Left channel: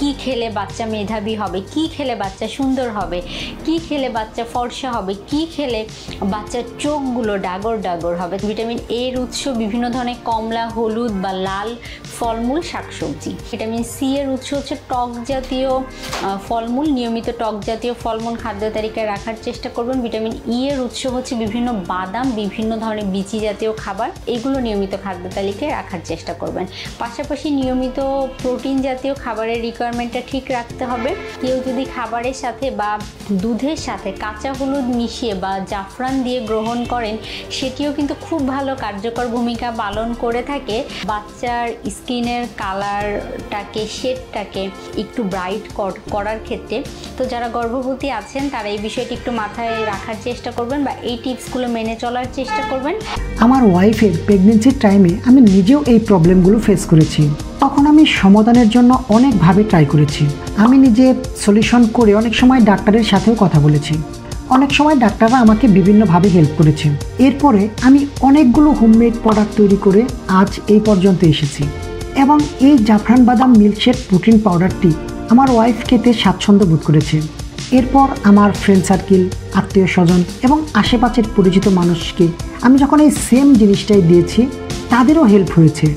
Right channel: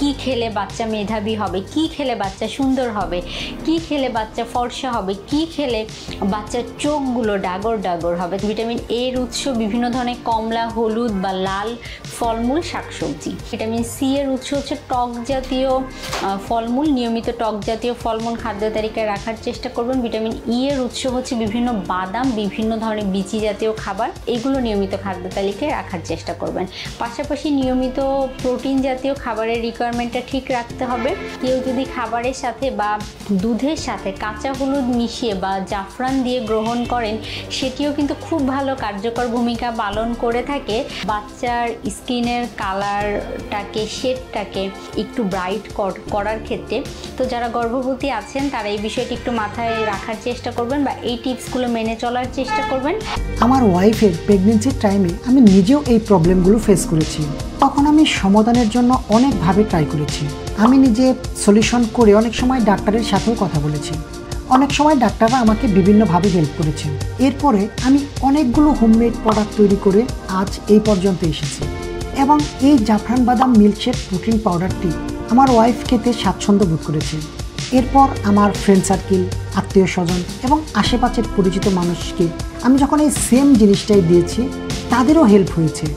কি খেলে বাচ্চা মেধাবী হবে, কি খেলে বাচ্চা সুন্দর হবে, কি খেলে বাচ্চা ফর্সা হবে, কি খেলে বাচ্চার চোখগুলো ডাগর ডাগর হবে। ভিটামিন এর উৎস বিভিন্ন ধরনের কমলা, হলুদ বা লাল ফলমূল, শাকসবজি। ভিটামিন সি এর উৎস হচ্ছে টক জাতীয় ফলমূল। নিয়মিত টক জাতীয় ফলমূল খাদ্য তালিকায় রাখার চেষ্টা করবেন। ভিটামিন ই এর উৎস হচ্ছে বিভিন্ন বাদাম, বিভিন্ন ধরনের বিচি জাতীয় খাবার, এগুলো নিয়মিত খাদ্য তালিকায় রাখার চেষ্টা করবেন। পাশাপাশি নিয়মিত প্রোটিন জাতীয় খাবারের রিকোয়ারমেন্টটা ঠিক রাখতে হবে। কেউ যদি খাবারের সাথে বা দুধের সাথে কাঁচা হলুদ মিশিয়ে বা জাফরান দিয়ে গ্রহণ করেন, সেটিও কিন্তু খুব ভালো কার্যকর ভূমিকা পালন করে থাকে বাচ্চার স্কিনের কালারটাকে, শেডটাকে একটু ব্রাইট করার ক্ষেত্রে। তো যারা গর্ভবতী আছেন তারা এই বিষয়টি একটু মাথায় রাখার চেষ্টা করবেন বা এই টিপসগুলো মেনে চলার চেষ্টা করবেন। আমার ওয়াইফের প্রেগনেন্সির টাইমে আমি নিজেও এই প্রবলেমগুলো ফেস করেছি। তখন আমি সমাধানের জন্য অনেকভাবে ট্রাই করেছি। আমি নিজে সলিউশন করে অনেক সময় ডাক্তারের সাথেও কথা বলেছি। অনেক সময় ডাক্তাররা আমাকে বিভিন্নভাবে হেল্প করেছেন। এরপরে আমি অনেকগুলো হোমমেড প্রোডাক্ট তৈরি করে আজ এই পর্যন্ত এসেছি। এবং এই জাফরান বাদাম মিল্কশেক প্রোটিন পাউডারটি আমার ওয়াইফ খেতে স্বাচ্ছন্দ্য বোধ করেছে। এরপর আমার ফ্রেন্ড সার্কেল, আত্মীয় স্বজন এবং আশেপাশের পরিচিত মানুষকে আমি যখন এই সেম জিনিসটাই দিয়েছি, তাদেরও হেল্প হয়েছে।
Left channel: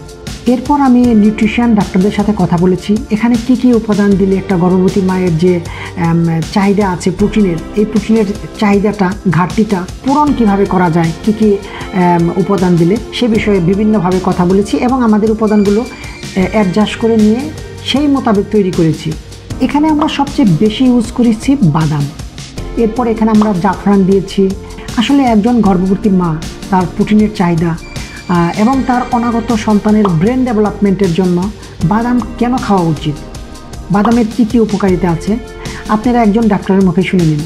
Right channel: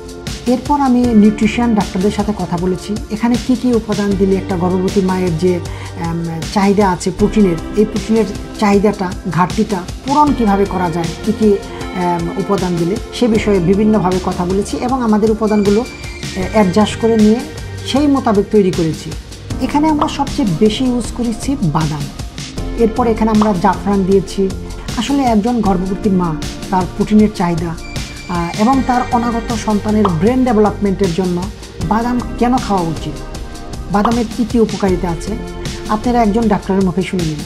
এরপর আমি নিউট্রিশন ডাক্তারদের সাথে কথা বলেছি, এখানে কি কি উপাদান দিলে একটা গর্ভবতী মায়ের যে চাহিদা আছে প্রোটিনের, এই প্রোটিনের চাহিদাটা, ঘাটতিটা পূরণ কীভাবে করা যায়, কি কি উপাদান দিলে, সে বিষয়ে বিভিন্নভাবে কথা বলেছি এবং আমাদের উপাদানগুলো অ্যাডজাস্ট করে নিয়ে সেই মোতাবেক তৈরি করেছি। এখানে আমরা সবচেয়ে বেশি ইউজ করেছি বাদাম। এরপর এখানে আমরা জাফরান দিয়েছি। আসলে একজন গর্ভবতী মা তার প্রোটিনের চাহিদা এবং তার অনাগত সন্তানের ব্রেন ডেভেলপমেন্টের জন্য বাদাম কেন খাওয়া উচিত, বাদামের কী কী উপকারিতা আছে, আপনারা একজন ডাক্তারের মুখে শুনে নিন।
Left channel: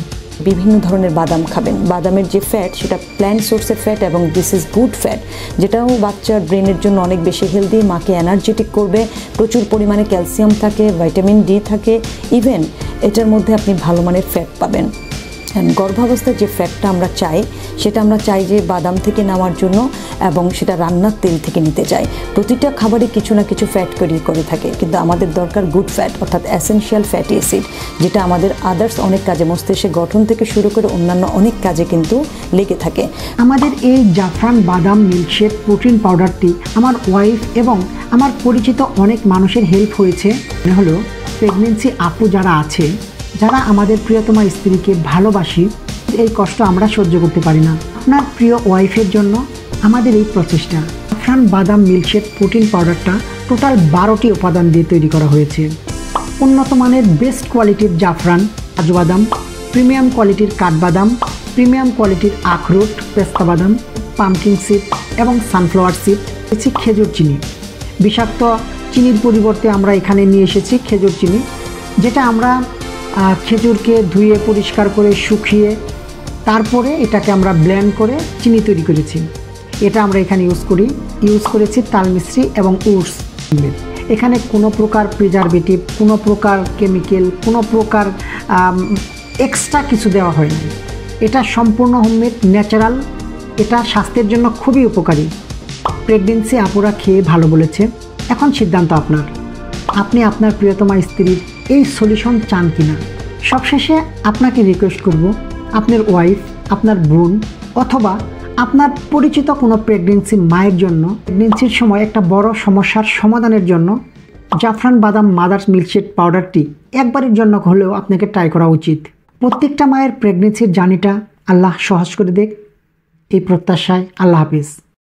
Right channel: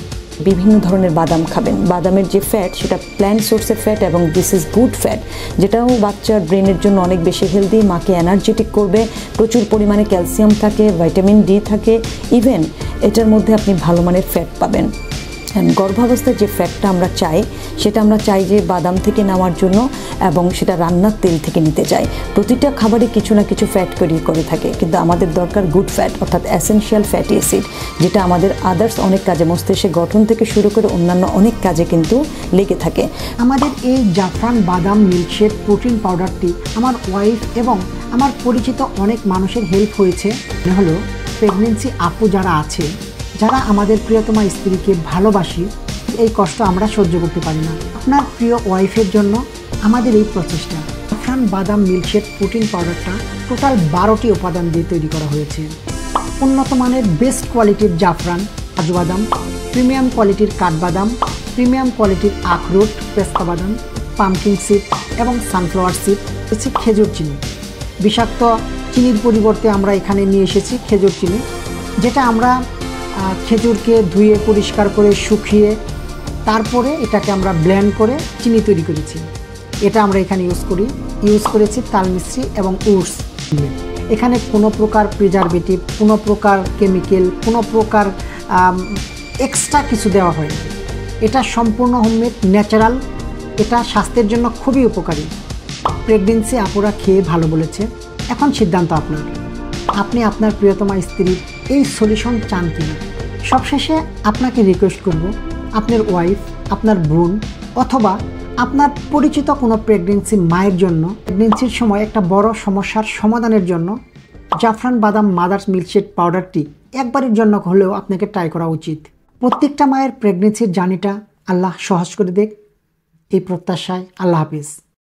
বিভিন্ন ধরনের বাদাম খাবেন। বাদামের যে ফ্যাট সেটা প্ল্যান্ট সোর্সের ফ্যাট এবং দিস ইজ গুড ফ্যাট, যেটাও বাচ্চার ব্রেনের জন্য অনেক বেশি হেলদি, মাকে এনার্জেটিক করবে। প্রচুর পরিমাণে ক্যালসিয়াম থাকে, ভাইটামিন ডি থাকে, ইভেন এটার মধ্যে আপনি ভালো মানের ফ্যাট পাবেন। গর্ভাবস্থায় যে ফ্যাটটা আমরা চাই, সেটা আমরা চাই যে বাদাম থেকে নেওয়ার জন্য এবং সেটা রান্নার তেল থেকে নিতে চাই। প্রতিটা খাবারে কিছু না কিছু ফ্যাট করে থাকে, কিন্তু আমাদের দরকার গুড ফ্যাট, অর্থাৎ এসেনশিয়াল ফ্যাটি অ্যাসিড, যেটা আমাদের আদার্স অনেক কাজে, মস্তিষ্কের গঠন থেকে শুরু করে অন্যান্য অনেক কাজে কিন্তু লেগে থাকে। আমাদের এই জাফরান বাদাম মিল্কশেক প্রোটিন পাউডারটি আমার ওয়াইফ এবং আমার পরিচিত অনেক মানুষের হেল্প হয়েছে। হলো প্রেগনেন্সি আপু যারা আছে, যারা আমাদের প্রিয়তমা স্ত্রীকে ভালোবাসি, এই কষ্ট আমরা সহ্য করতে পারি না। আপনার প্রিয় ওয়াইফের জন্য আমাদের এই প্রচেষ্টা। জাফরান বাদাম মিল্কশেক প্রোটিন পাউডারটা টোটাল 12টি উপাদান দিয়ে তৈরি করা হয়েছে। উন্নত মানের বেস্ট কোয়ালিটির জাফরান, কাজু বাদাম, প্রিমিয়াম কোয়ালিটির কাঠবাদাম, প্রিমিয়াম কোয়ালিটির আখরোট, পেস্তা বাদাম, পামকিন সিড এবং সানফ্লাওয়ার সিড, হচ্ছে খেজুর চিনি। বিষাক্ত চিনির পরিবর্তে আমরা এখানে নিয়ে এসেছি খেজুর চিনি, যেটা আমরা খেজুরকে ধুয়ে পরিষ্কার করে শুকিয়ে তারপরে এটাকে আমরা ব্লেন্ড করে চিনি তৈরি করেছি। এটা আমরা এখানে ইউজ করেছি তাল মিশ্রি এবং উডস। এখানে কোনো প্রকার প্রিজারভেটিভ, কোনো প্রকার কেমিক্যাল, কোনো প্রকার এক্সট্রা কিছু দেওয়া হয়নি। এটা সম্পূর্ণ হোমমেড, ন্যাচারাল। এটা স্বাস্থ্যের জন্য খুবই উপকারী। প্রেগনেন্সি আপুরা খেয়ে ভালো বলেছে। এখন সিদ্ধান্ত আপনার, আপনি আপনার প্রিয়তমা স্ত্রীর এই সলিউশন চান কিনা। সবশেষে আপনাকে রিকোয়েস্ট করব, আপনার ওয়াইফ, আপনার বোন অথবা আপনার পরিচিত কোনো প্রেগনেন্সি মায়ের জন্য, প্রেগনেন্সির সময় একটা বড় সমস্যার সমাধানের জন্য জাফরান বাদাম মাদার্স মিল্কশেক পাউডারটি একবারের জন্য হলেও আপনাকে ট্রাই করা উচিত। প্রত্যেকটা মায়ের প্রেগনেন্সির জার্নিটা আল্লাহ সহজ করে দেখ, এই প্রত্যাশায় আল্লাহ হাফিজ।